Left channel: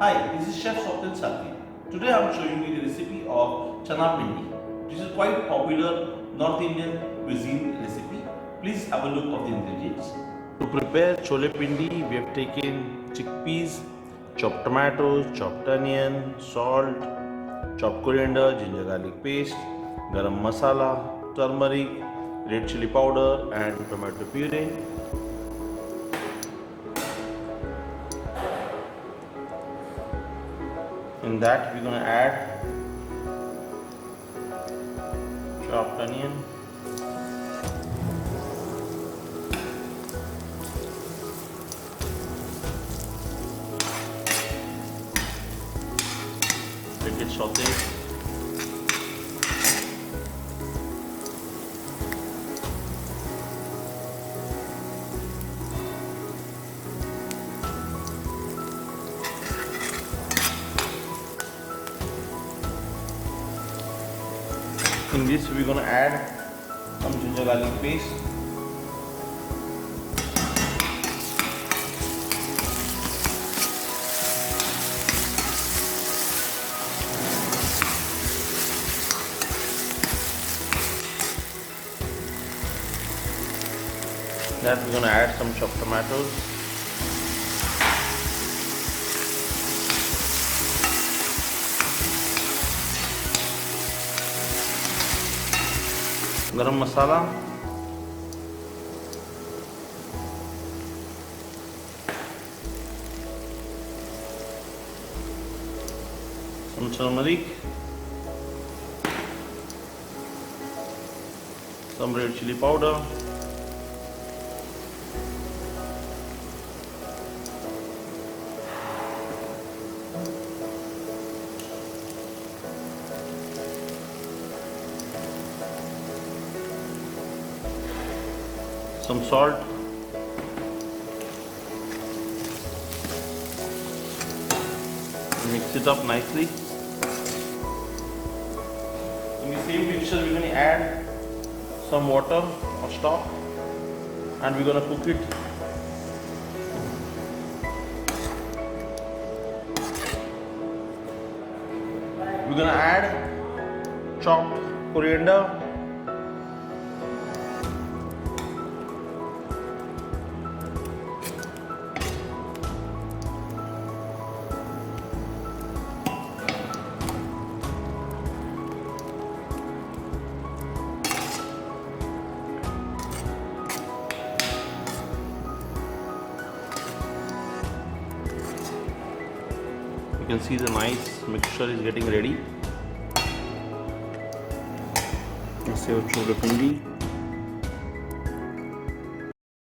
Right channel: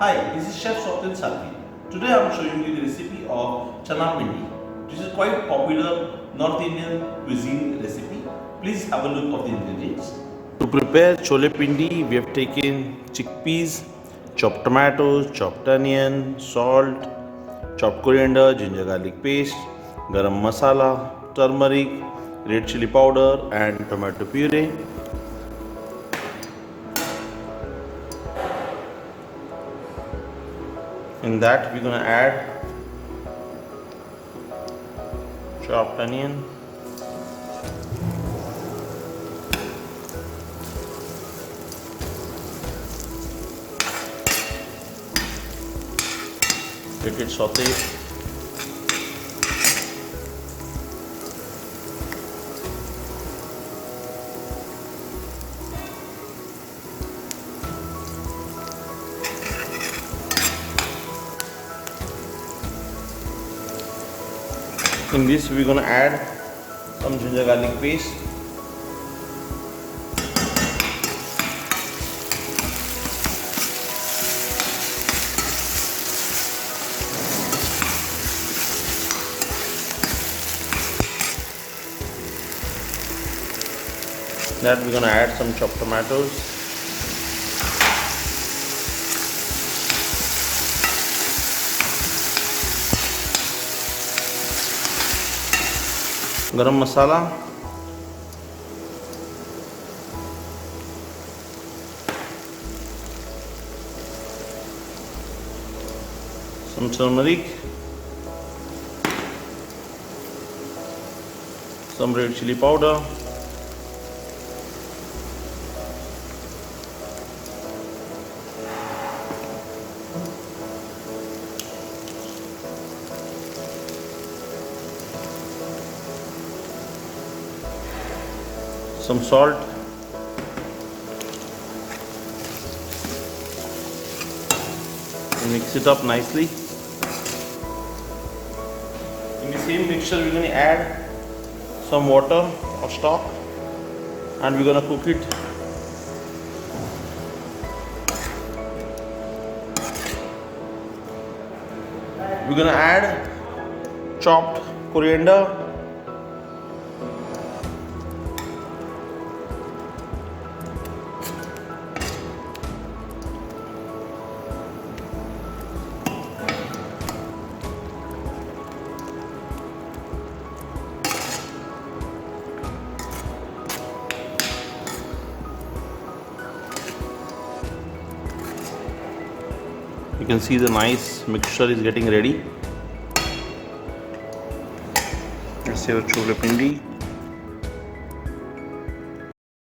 Hi, this is Chef Swapnil salvi. Today I am showing you the recipe of Chana Pindi. This is quite popular North Indian cuisine recipe. Please have a look of the ingredients. To prepare Chole Pindi, we have taken chickpeas, chopped tomatoes, chopped onion, salt, chopped coriander, ginger garlic paste, garam masala, turmeric, red chili powder and tomato puree. In that we're gonna add chopped onion, let it saute. In this we're gonna add some ginger garlic paste, that we're gonna add some chopped tomatoes, garam masala, some turmeric, some red chili powder, some salt, and mix it up nicely. In the same mixture we're going to add some water or stock and we're going to cook it. We're going to add chopped coriander, you can see the nice mixture is getting ready. That's your chole pindi.